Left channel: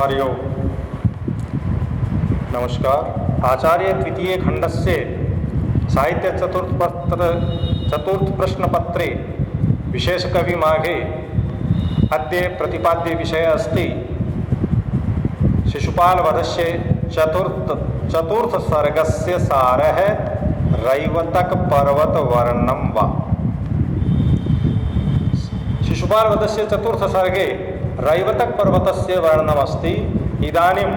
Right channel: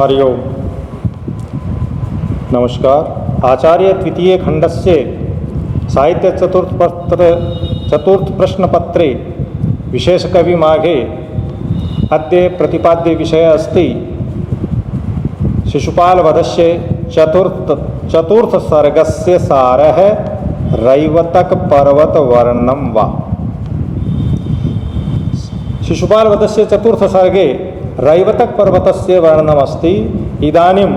हरिओम। नमस्कार। आचार्य तृतीय खंडस्य साहित्य चतुर्थ प्रश्नपत्रे विशेषकवि माघे अद्य प्रतिपाद्य विषय अस्ति शिशुपालवधस्य चतुर्थ सर्गस्य सारः रैवतक पर्वत वर्णनं वा। शिशुपालवधस्य चतुर्थ सर्गे रैवतक पर्वतस्य वर्णनमस्ति। इदानीं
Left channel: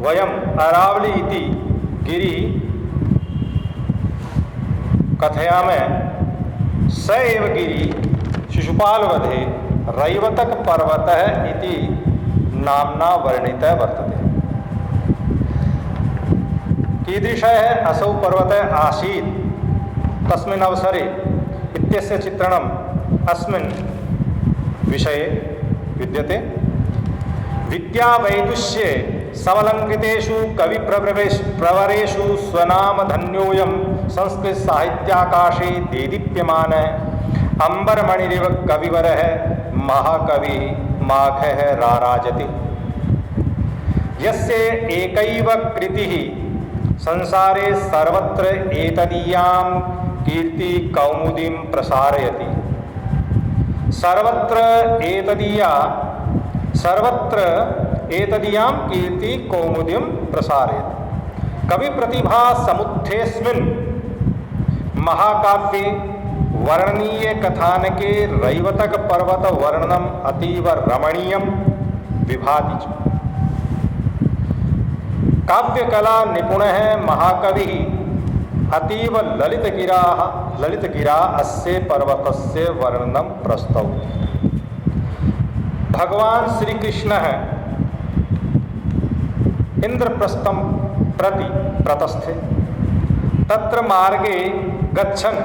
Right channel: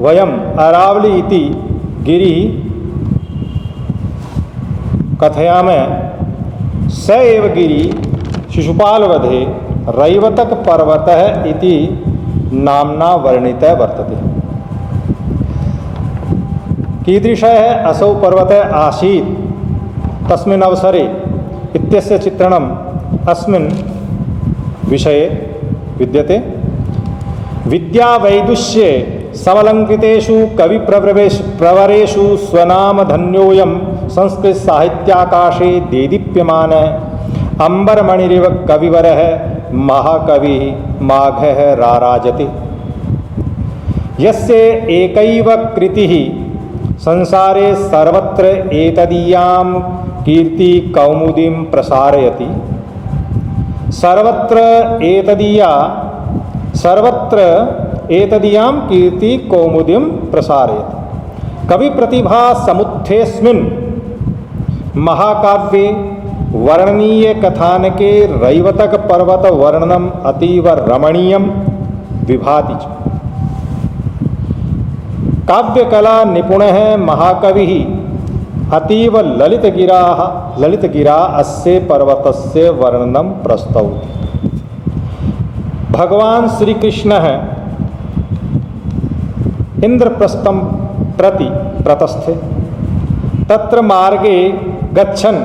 वयम् अरावली इति गिरिः कथयामः। स एव गिरिः शिशुपालवधे रैवतक पर्वतः इति नाम्ना वर्णितः वर्तते। कीदृशः असौ पर्वतः आसीत् तस्मिन् अवसरे इत्यस्य चित्रणम् अस्मिन् विषये विद्यते। विद्यावैदुष्ये समलंकृतेषु कविप्रवरेषु स्वनामधन्योऽयं संस्कृतसाहित्याकाशे देदीप्यमानः अम्बरमणिरिव कविवरः महाकविः माघः राराजति। यस्य एकैव कृतिः संसारे सर्वत्र एतदीयां कीर्तिकौमुदीं प्रसारयति। सर्वत्र एतदीयां कीर्तिकौमुदीं प्रसारयति। कविप्रतिभा समुत्थेऽस्मिन् महाकाव्ये वर्णनीय कथानके रैवतक पर्वत वर्णनम् अतीव रमणीयं विभाति च। काव्यकला निपुणः महाकविः अतीव ललितगिरा अस्य पर्वतस्य वर्णनं प्रस्तौति। भगवान श्री कृष्णः इंद्रप्रस्थं प्रति प्रतस्थे। तत्र मार्गे गच्छन्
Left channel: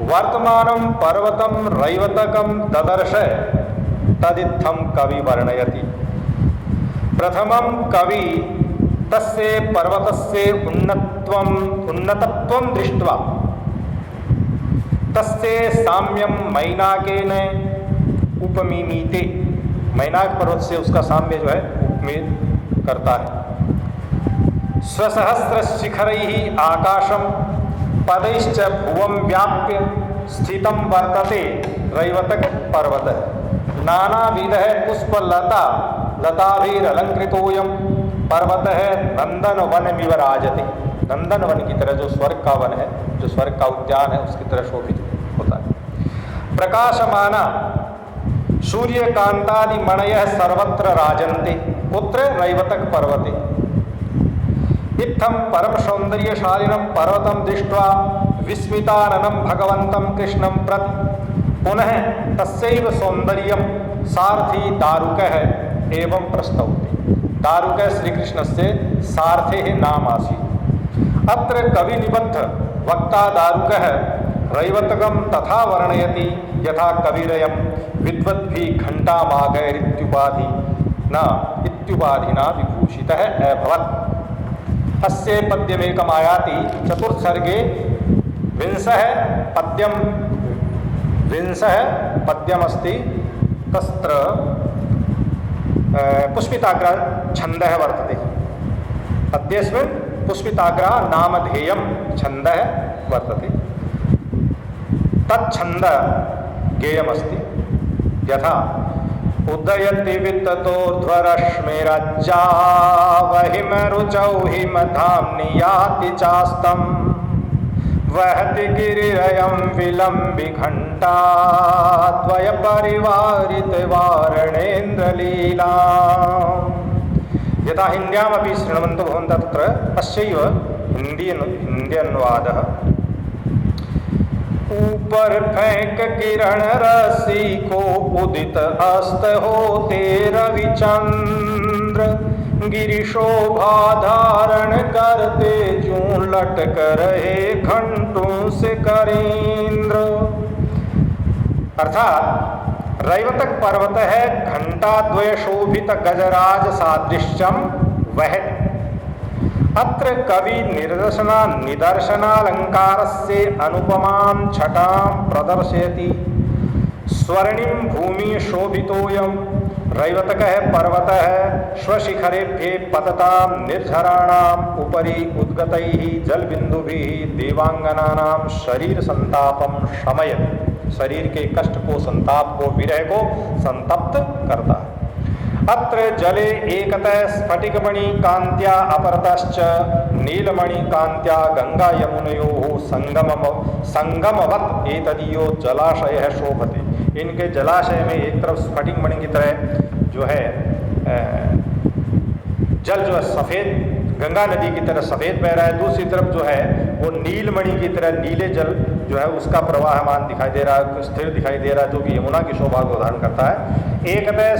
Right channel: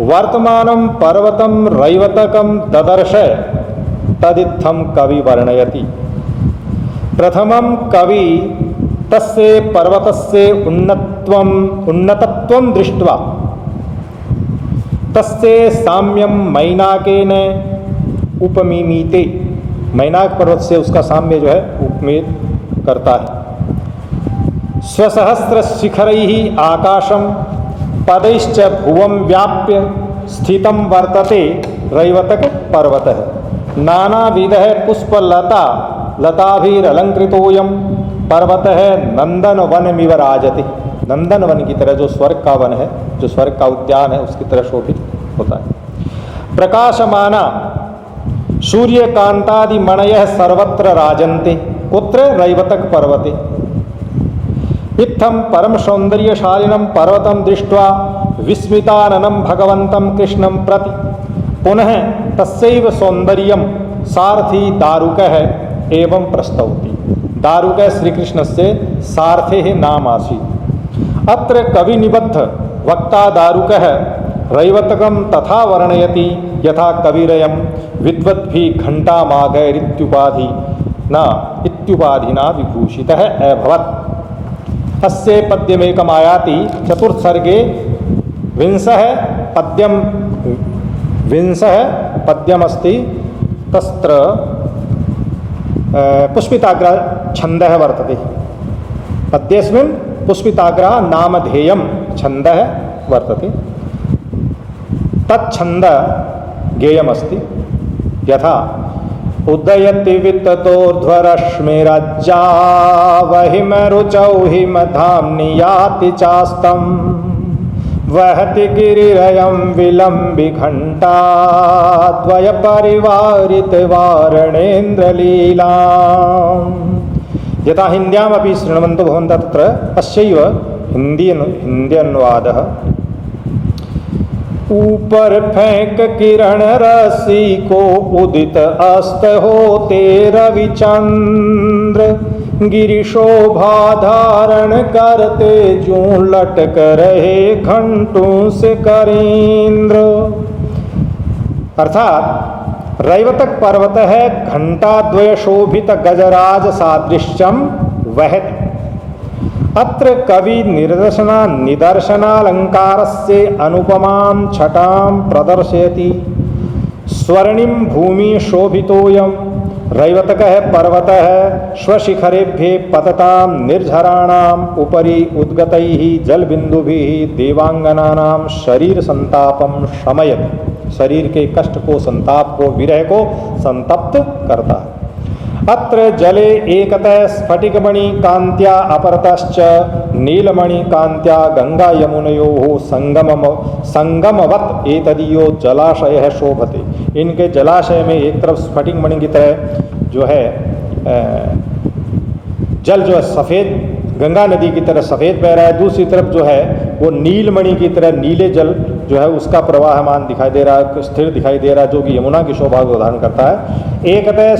वर्तमानं पर्वतं रैवतकं ददर्श। तदित्थं कवि वर्णयति। प्रथमं कवि तस्य पर्वतस्य उन्नतत्वं दृष्ट्वा तस्य साम्यं मैनाकेन उपमीमीते। मैनाक पर्वत से उसका साम्य जो है उपमेत करता है। स्वसहस्र शिखरैः आकाशं पदैश्च भुवं व्याप्य स्थितं वर्तते रैवतक पर्वतः। नानाविधः लताभिरलंकृतोऽयं पर्वतः नंदनवनमिव राजति। नंदनवन की तरह, जो स्वर्ग का वन है, जो स्वर्ग का उद्यान है, उसकी तरह शोभित होता है। प्रकाशमाना सूर्यकांतादिमणयः सर्वत्र राजन्ते। कुत्र? रैवतक पर्वते। इत्थं परम सौंदर्यशालिनं पर्वतं दृष्ट्वा विस्मिताननं भगवन्तं कृष्णं प्रति पुनः तस्यैव सौंदर्यं सारथी दारुकः एवं प्रस्तौति। दारुकः श्रीकृष्णस्य सारथेः नाम आसीत्। अत्र कविनिबद्ध वक्ता दारुकः रैवतकं तथा वर्णयति यथा कविरयं विद्वद्भिः घण्टामाघैरित्युपाधिना विभूषितः अभवत्। अस्य पद्यमेकमायाति। चतुर्थ सर्गे विंशः पद्यमस्ति। तत्र पुष्पिताग्र छन्दः वर्तते। पद्येऽस्मिन् पुष्पिताग्र नामधेयं छन्दः वर्तते। तच्छन्द गेयमस्ति यथा उदयति विततोर्ध्वरश्मिरज्जा वहिमरुचौ हिमधाम्नि याति चास्तं वहति गिरिरयं विलम्बि घण्टा द्वयपरिवारितवारणेन्द्रलीला। यथा हिन्द्यामपि शृण्वन्तु भवन्तः तत्र अस्यैव हिंदी अनुवादः। ऊपर फेंक किरण रसी को उदित अस्त होते रविचंद्र गिरिशोभा धारण करते जूं लटक रहे घंटों से करेंद्र। अर्थात रैवतक पर्वत है घंटाद्वय शोभित गजराज सादृश्यम वहति। अत्र कवि निदर्शनालंकारस्य अनुपमां छटां प्रदर्शयति। स्वर्णिम भूमि शोभितोयं रैवतकः पर्वतः स्वशिखरेभ्ये पततां निर्झराणाम् उपरि उद्गतैः जलबिंदुभिः देवांगनानां शरीर संतापम शमयति, शरीर के कष्ट को, संताप को, विरह को संतप्त करता है। अत्र जले एकतः स्फटिकमणि कांत्या अपरतश्च नीलमणि कांत्या गंगा यमुनयोः संगमवत् एतदीयो जलाशयः शोभते। इनके जलाशय में एक तरफ स्फटिक मणि की तरह जो है जल जो है सफ़ेद गंगा नदी की तरह सफ़ेद बह रहा है, दूसरी तरफ जो है वो नीलमणि की तरह नीले जल जो है उसका प्रवाहमान दिखाई दे रहा है, स्थिर दिखाई दे रहा है, जो कि यमुना की शोभा को धारण करता है। एकतः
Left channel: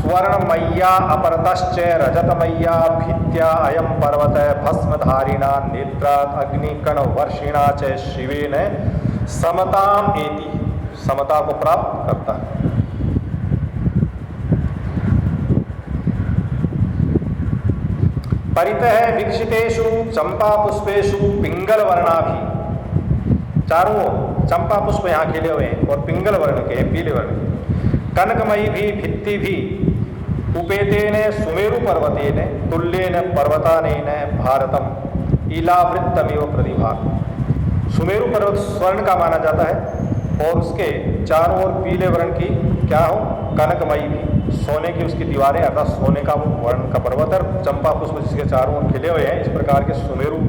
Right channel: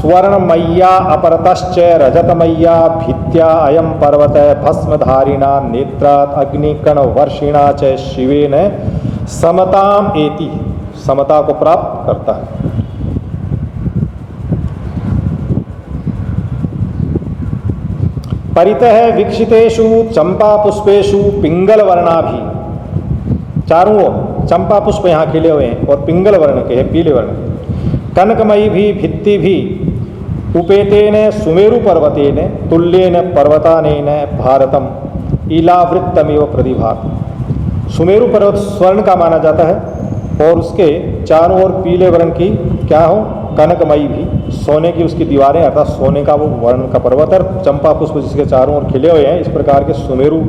स्वर्णमय्या अपरतश्च रजतमय्या भित्या अयम पर्वत भस्मधारिणा नेत्रात् अग्निकण वर्षिणा च शिवेन समताम एति, समता को प्राप्त करता है। परितः विक्षितेषु चंपा पुष्पेषु पिंगल वर्णाभि, चारों ओर चंपा पुष्प यहाँ खिले हुए हैं और पिंगल वर्ण के हैं, पीले वर्ण के। कनकमयी भी भित्ति भी उपेतेन सुमेरु पर्वतेन तुल्येन पर्वतानेन भारतम इलावृत्तमेव प्रतिभाति। सुमेरु पर्वत स्वर्ण का माना जाता है और उसके चारों ओर पीले वर्ण की क्या हो, कनकमयी भी, सोने की उसकी दीवारें अर्थात सोने का वो वर्ण का पर्वत और चंपा पुष्प जिसके चारों ओर खिले हुए हैं। इस प्रकार के सुमेरु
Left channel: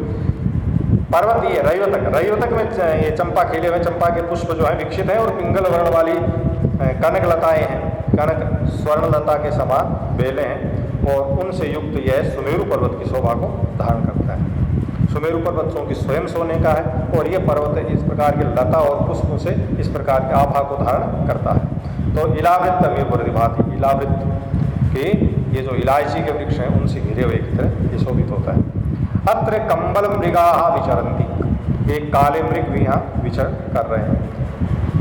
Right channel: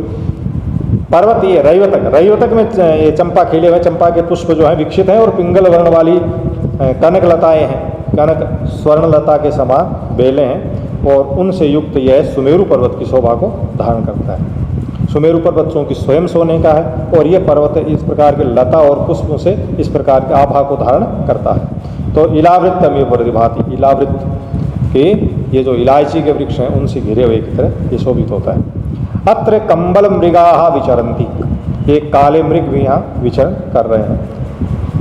पर्वत ये रैवतक में ये चंपा खिले हुए, चंपा के पुष्प जो हैं विकसित हैं और पिंगल वर्ण वाली कनक लताएँ हैं, कनक स्वर्ण लता के समान बेलें हैं और उनसे युक्त यह सुमेरु पर्वत की शोभा को धारण करता है। सुमेरु पर्वत चूँकि स्वयं सोने का है और ये पर्वत इस प्रकार के लता और पुष्पों से इस प्रकार के आभा को धारण करता है। तो इलावृत्तमेव प्रतिभाति, इलावृत्त के ये जो इलायची के वृक्ष हैं उनसे घिरे हुए की तरह ये शोभित होता है। अत्र कंबल मृगाः विचरन्ति, ये काले मृग भी यहाँ विचरण कर रहे हैं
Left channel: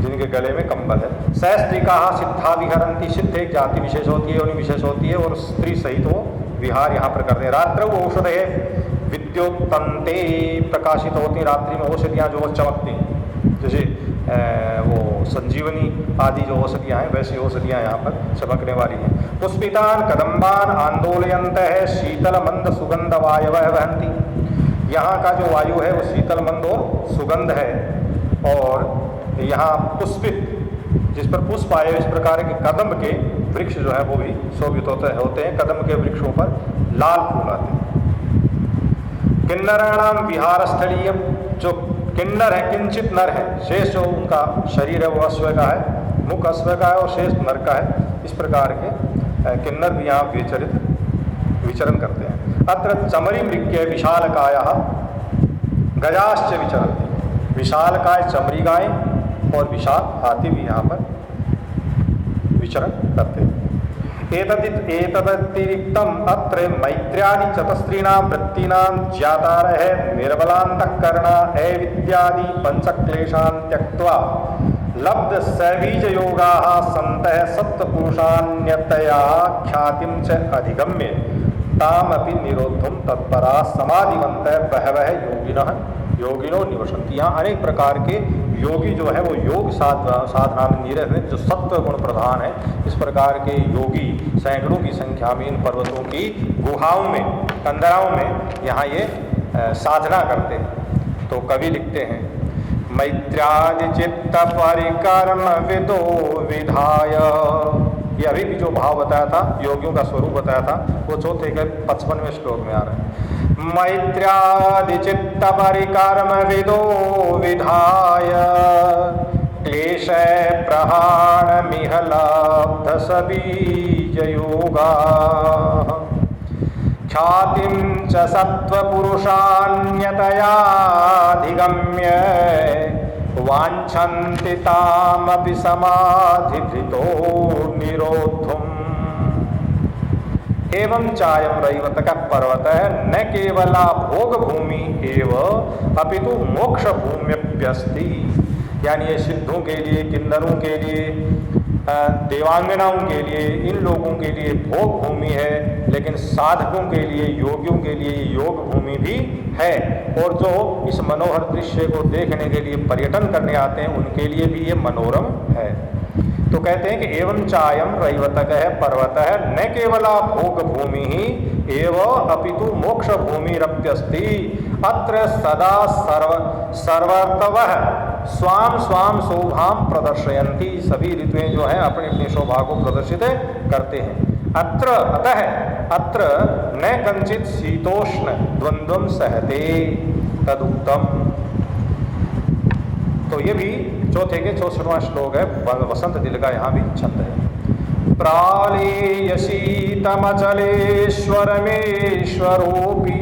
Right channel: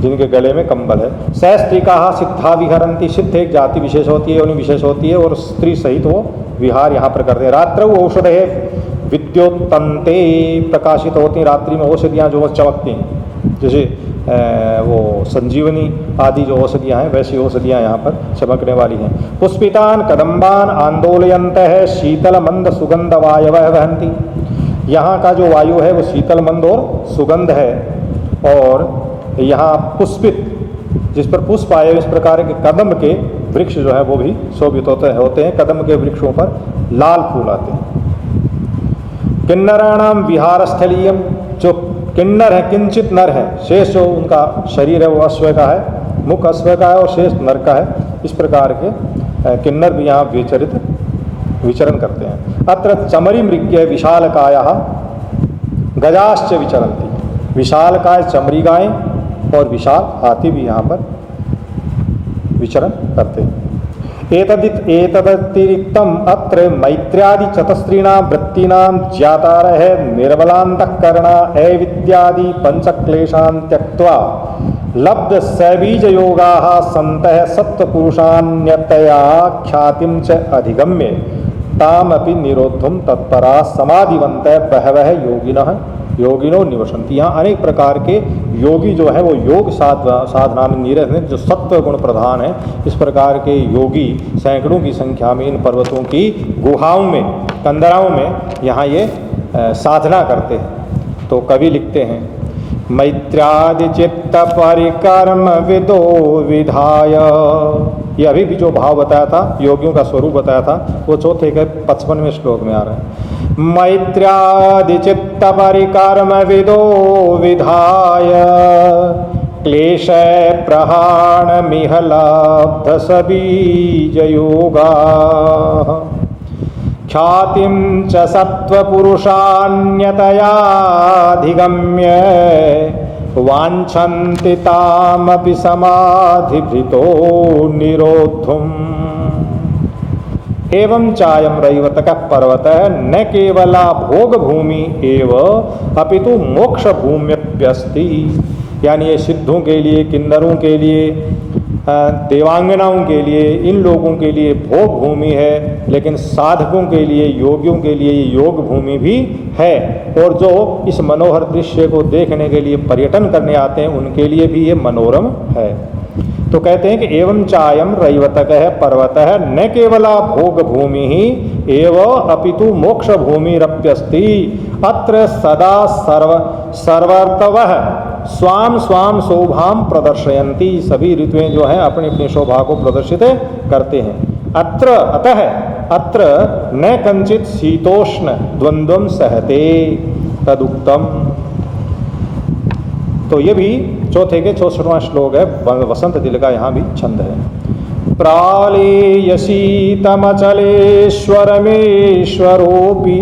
जिनके गले में कंबल है। सहस्त्रिकाः सिद्धा विहरन्ति, सिद्ध एक जाति विशेष होती है, उन्हीं विशेष होती है और स्त्री सहित वो विहार यहाँ पर करते हैं। रात्रौ औषधे विद्योत्तन्ते प्रकाशित होती हैं, रात्रि में औषधियाँ जो चमकती हैं, जैसे वो संजीवनी आदि जो औषधियाँ हैं वैसी औषधियाँ यहाँ पर चमकने वाली हैं। पुष्पितान कदम्बान आंदोलयन्तः शीतल मंद सुगंध वायवः वहन्ति, यहाँ का जो वायु है वो शीतल मंद और सुगंध है। और यहाँ पुष्पित जिस पर पुष्प आए इस प्रकार के कदम के वृक्ष जो है वो भी शोभित होते हैं। कदम के वृक्षों पर लाल फूल आते हैं। किन्नराणाम विहार स्थलीयम, जो किन्नर है किंचित नर है, शेष जो उनका शरीर है वो अश्व का है, मुख अश्व का है और शेष नर का है। इस प्रकार के किन्नर भी यहाँ विचरण करते हैं। अत्र चमरी मृग्य विशालकायाः गजाश्च विचरन्ति, विशालकाय चमरी गायें और विशाल हाथी भी यहाँ पर विचरण करते हैं। एतदतिरिक्तम अत्र मैत्र्यादि चतस्त्रीणां वृत्तीनां ज्ञातारः निर्मलान्तःकरणा अविद्यादि पंचक्लेशान् त्यक्त्वा लब्ध सैबीज योगाः सन्तः सत्त्वपुरुषान्यतया ख्यातिं च अधिगम्य तामपि निरोद्धुं तत्परा समाधिवन्तः बहवः योगिनो निवसन्ति। यहाँ अनेक प्रकार के योगी जो है वो योग साधना में निरत हैं, जो सत्व गुण प्रधान है। इस प्रकार के योगी सैकड़ों की संख्या में इन पर्वतों की गुहाओं में, कंदराओं में यहाँ ये साधना करते हैं। तो कवि लिखते हैं, मैत्र्यादि चित्त परिकर्म विदो विधाय, ये अभी भी जो भाव बताया था, योगियों का स्वरूप बताया था, वो चौथे के 55वें श्लोक में आ रहे हैं। मैत्र्यादि चित्त परिकर्म विदो विधाय क्लेश प्रहाण मिहलाब्ध सबीज योगा ख्यातिं च सत्त्वपुरुषान्यतयाधिगम्य वाञ्छन्ति तामपि समाधिभृतो निरोद्धुम्। एवं चायम रैवतकः पर्वतः न केवला भोग भूमि एव अपितु मोक्ष भूम्यप्यस्ति, यानी ये सिद्धों के लिए, किन्नरों के लिए, देवांगनाओं के लिए, इन लोगों के लिए भोग भूमि है, लेकिन साधकों के लिए, योगियों के लिए ये योग भूमि भी है। और जो इस मनोहर दृश्य को देखने के लिए पर्यटन करने आते हैं उनके लिए भी ये मनोरम है। तो कहते हैं कि एवं चायम रैवतक है पर्वत है न केवला भोग भूमि ही एव अपितु मोक्ष भूमिरप्यस्ति अत्र सदा सर्वर्तवः स्वाम स्वाम शोभाम प्रदर्शयन्ति। सभी ऋतुएं जो हैं अपनी अपनी शोभा को प्रदर्शित करते हैं। अत्र अतः अत्र न कंचित शीतोष्ण द्वंद्वम सहते तदुक्तम। तो ये भी चौथे के 64वां श्लोक है, वसंत दिल का यहाँ भी छंद है। प्रालेयसीतमचलेश्वरमेश्वरोऽपि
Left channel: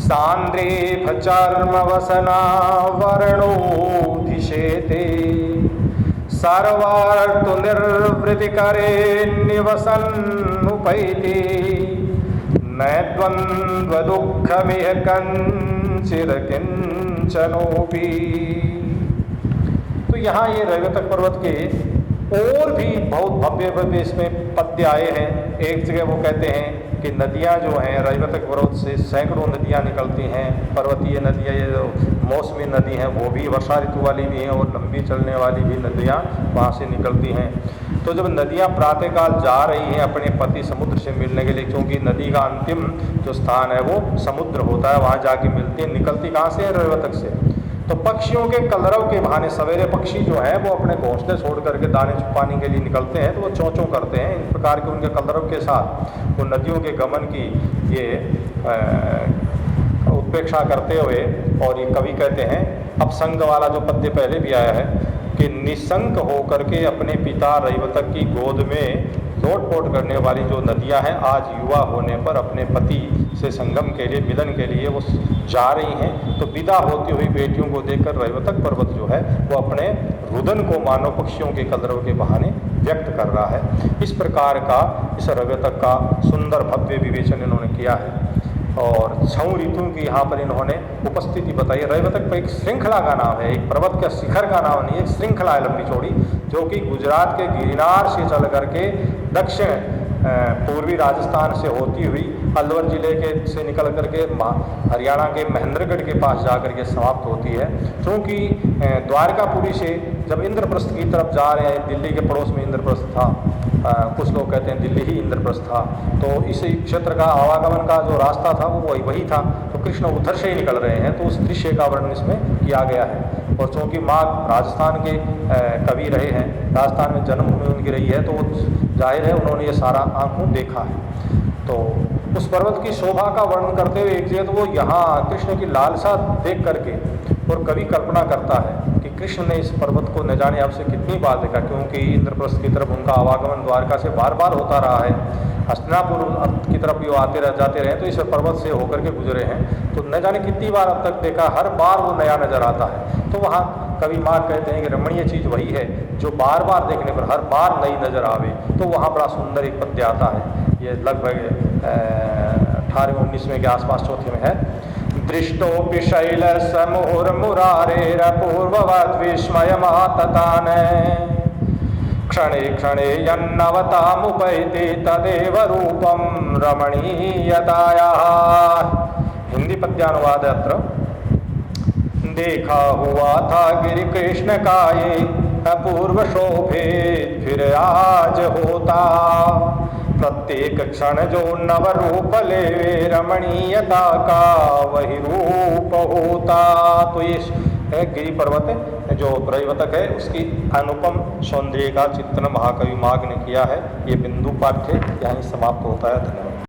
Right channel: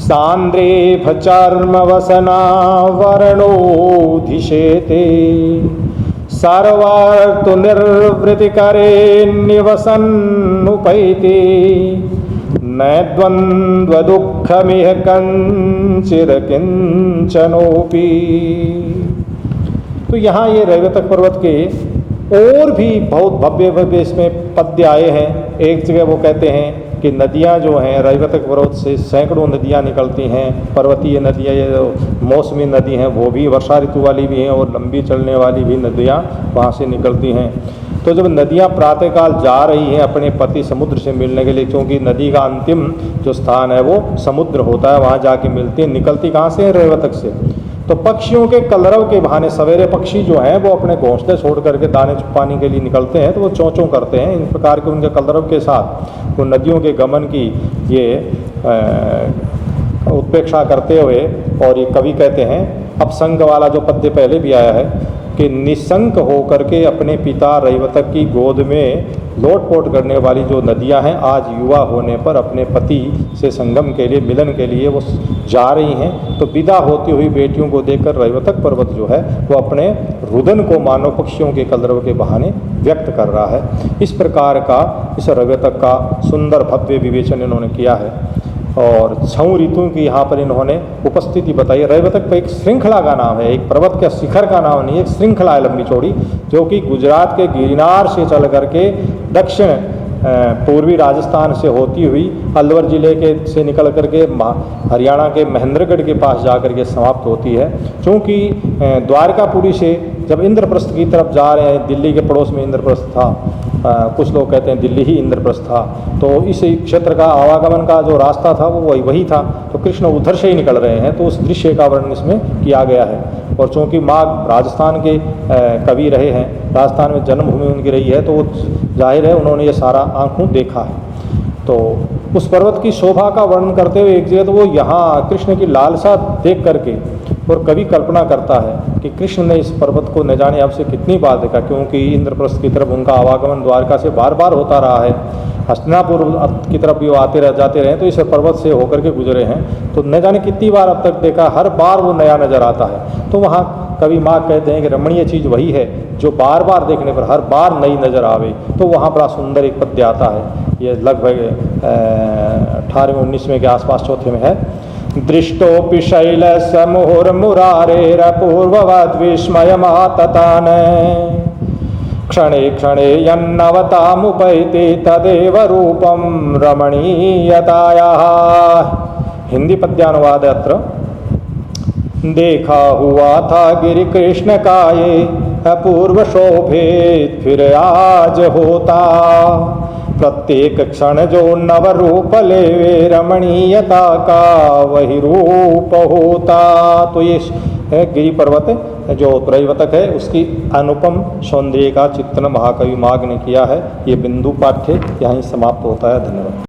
सांद्रेभचर्मवसनावरणोऽधिशेते सर्वार्तु निर्वृतिकरे निवसन्नुपैति न द्वन्द्वदुःखमिह कंचिद किंचनोपि। तो यहाँ ये रैवतक पर्वत के और भी बहुत भव्य भव्य इसमें पद्य आए हैं। एक जगह वो कहते हैं कि नदियाँ जो हैं रैवतक पर्वत से सैकड़ों नदियाँ निकलती हैं, पर्वतीय नदियाँ, ये जो मौसमी नदी हैं वो भी वर्षा ऋतु वाली भी हैं और लंबी चलने वाली भी नदियाँ वहाँ से निकलती हैं। तो जब नदियाँ प्रातःकाल जा रही हैं अपने पति समुद्र से मिलने के लिए, क्योंकि नदी का अंतिम जो स्थान है वो समुद्र होता है, वहाँ जाके मिलती है, निकलती कहाँ से है? रैवतक से। तो पक्षियों के कलरव के बहाने सवेरे पक्षी जो हैं वो अपने घोंसले छोड़ करके दाने छुपाने के लिए निकलते हैं, तो वो चों चों करते हैं। इन प्रकार के उनके कलरव के साथ वो नदियों के गमन की ये उत्प्रेक्षा करते हुए, और ये कवि कहते हैं अपसंग वाला जो पद्य पहले भी आया है कि निसंक होकर के अपने पिता रैवतक की गोद में लोटपोट करने वाली जो नदियां हैं आज युवा होने पर अपने पति से संगम के लिए, मिलन के लिए वो जा रही हैं। तो विदा होती हुई बेटियों को देखकर रैवतक पर्वत जो है वो अपने रुदन को मानव पक्षियों के कलरव के बहाने व्यक्त कर रहा है। इस प्रकार का इस रैवतक का सुंदर भव्य विवेचन इन्होंने किया है और 6 ऋतुओं की यहाँ पर इन्होंने उपस्थिति बताई। रैवतक पर एक श्रृंखला का नाम है, एक पर्वत के शिखर का नाम नहीं है, एक श्रृंखला है लंबी चौड़ी, जो कि गुजरात के गिरनार से चल करके दक्षिण पूर्वी राजस्थान से होती हुई अलवर जिले के से निकल करके हरियाणा के महेंद्रगढ़ के पास जाकर के समाप्त होती है। चूँकि द्वारकापुरी से जब इंद्रप्रस्थ की तरफ जा रहे हैं, दिल्ली के पड़ोस में इंद्रप्रस्थ था, कुछ लोग कहते हैं दिल्ली ही इंद्रप्रस्थ था, तो इस क्षेत्र का आवागमन का जो रास्ता था वो वही था। तो कृष्ण उधर से ही निकल रहे हैं, तो उस दृश्य का वर्णन इसमें किया गया है। और चूँकि माँ राजस्थान के कवि रहे हैं, राजस्थान में जन्मभूमि उनकी रही है, तो वो जाहिर है उन्होंने ये सारा आंखों देखा है। तो उस पर्वत की शोभा का वर्णन करते हुए एक जगह तो वो यहाँ कृष्ण की लालसा देख करके, और कवि कल्पना करता है कि कृष्ण ने इस पर्वत को न जाने अब से कितनी बार देखा, क्योंकि इंद्रप्रस्थ की तरफ उनका आवागमन द्वारका से बार बार होता रहा है, हस्तिनापुर की तरफ भी वो आते जाते रहे, तो इस पर्वत से होकर के गुजरे हैं, तो न जाने कितनी बार अब तक देखा, हर बार वो नया नजर आता है। तो वहाँ कवि माँ कहते हैं कि रमणीय चीज़ वही है जो बार बार देखने पर हर बार नई नजर आवे। तो वहाँ बड़ा सुंदर एक पद्य आता है, ये लगभग 18वें-19वें के आसपास चौथे में है। दृष्टोपि शैलस्य मुहुर्मुरारेरपूर्ववद् विस्मयमाततान क्षणे क्षणे यन्नवतामुपैति तदेव रूपम रमणीयतायाः। हिंदी पद्यानुवाद अत्र। देखा हुआ था गिरि कृष्ण काये अपूर्व शोभित फिर आज होता, प्रत्येक क्षण जो नव रूप लेवे रमणीयता का वही रूप होता। तो ये है गिरि पर्वत जो रैवतक है, उसकी अनुपम सौंदर्य का चित्रण महाकवि माघ ने किया है। ये बिंदु पाठ्य यहीं समाप्त होता है। धन्यवाद।